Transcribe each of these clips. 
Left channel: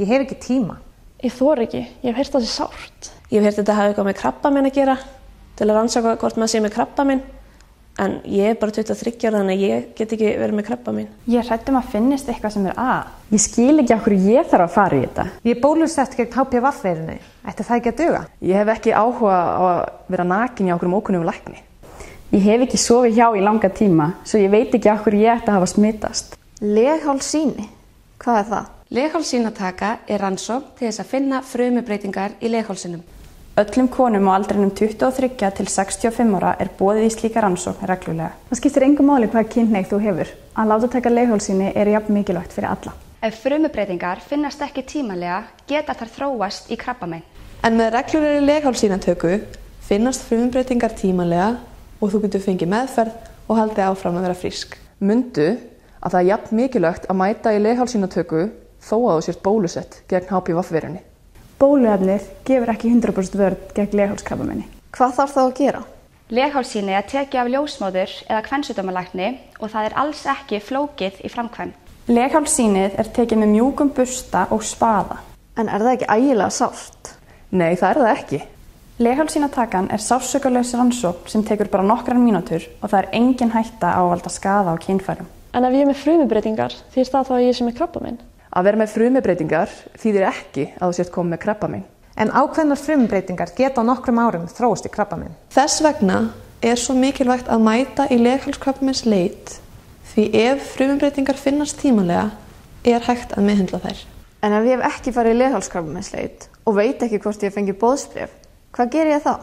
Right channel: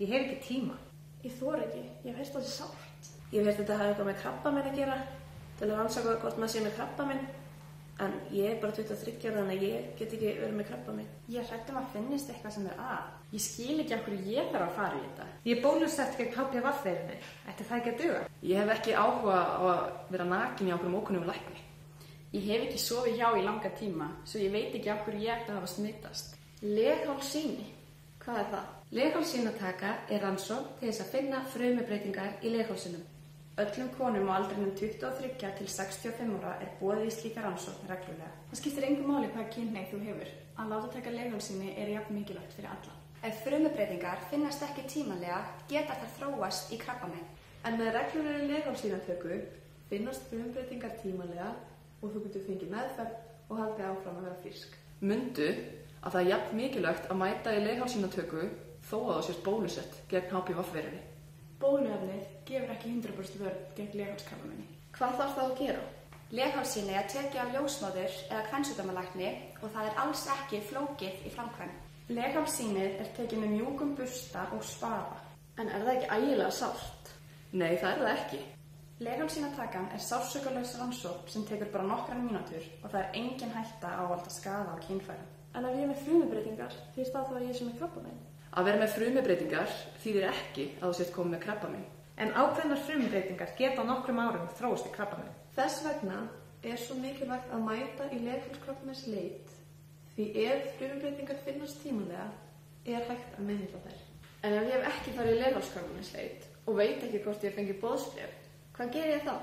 Ég hef ekki tíma. Ég þori ekki, ég hef heyrt það sé sárt. Ég hef heyrt þetta hafa eitthvað með krabbamein að gera, til að rannsaka hvort maður sé með krabbamein. En ég er bara 23 ára, þannig að ég get ekki verið með krabbamein. Ég er hrædd að finnist eitthvað sem að. Ég skil ekki af hverju ég þarf að fara í þetta. Ég er bólusett gegn HPV-veirunni. Ætti það ekki að duga? Ég hef ekki áhuga á að vera nakin hjá okkur ókunnum lækni. Ég hef ekki sofið hjá í langa tíma, svo ég veit ekki af hverju ég ætti að hafa smitast. Leghálssýni, hvað er það? Leghálssýnataka er rannsókn til þess að finna frumubreytingar í leghálsinum. Öllum konum á aldrinum 23 til 65 ára er boðið í slíka rannsókn reglulega. Það skiptir engu máli hvaða kynhneigð þú hefur. Að láta taka leghálssýni er jafn mikilvægt fyrir alla. Ef frumubreytingar finnast ekki tímalega geta þær þróast í krabbamein. En með reglulegri leghálssýnatöku finnast frumubreytingar tímalega og þú getur fengið meðferð og haldið áfram að vera frísk. Mundu að það er jafn mikilvægt að mæta í leghálssýnatöku þó að þú sért bólusett gegn HPV-veirunni. Bóluefnið gefur ekki 100% vörn gegn leghálskrabbameini. Hvað þarf þá að gera? Leghálssýni er tekið af ljósmóður eða kvensjúkdómalækni og það er alls ekki flókið í framkvæmd. Leghálssýnið er tekið með mjúkum bursta og spaða. En er það ekki ægilega sárt? Nei, það er það ekki. Leghálssýnatakan er sársaukalaus rannsókn sem tekur bara nokkrar mínútur og það er engin hætta á að valda skaða á kynfærum. En ef ég er með frumubreytingar, þýðir það þá að ég sé með krabbamein? Að vera með frumubreytingar þýðir ekki að þú sért komið með krabbamein. En ákveðnar frumubreytingar geta á nokkrum árum þróast í krabbamein. Þess vegna er svo mikilvægt að mæta í leghálskrabbameinsleit því ef frumubreytingar finnast tímalega er hægt að meðhöndla þær. En ef ég hef ekki farið í leghálskrabbameinsleit og veit ekki hvort ég fengi boðsbréf, hvað ger ég þá?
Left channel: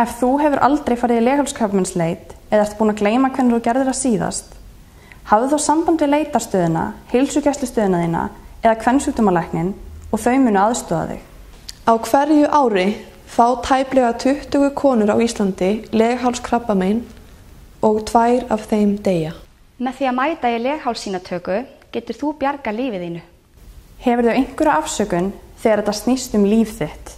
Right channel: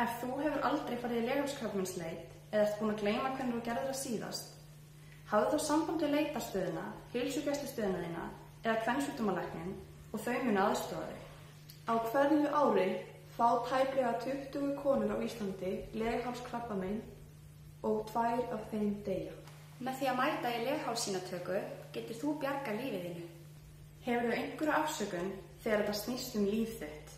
Ef þú hefur aldrei farið í leghálskrabbameinsleit eða ert búin að gleyma hvernig þú gerðir það síðast, hafðu þá samband við leitarstöðina, heilsugæslustöðina þína eða kvensjúkdómalæknin og þau munu aðstoða þig. Á hverju ári fá tæplega 20 konur á Íslandi leghálskrabbamein og 2 af þeim deyja. Með því að mæta í leghálssýnatöku getur þú bjargað lífið þínu. Hefur þú einhverja afsökun þegar þetta snýst líf þitt?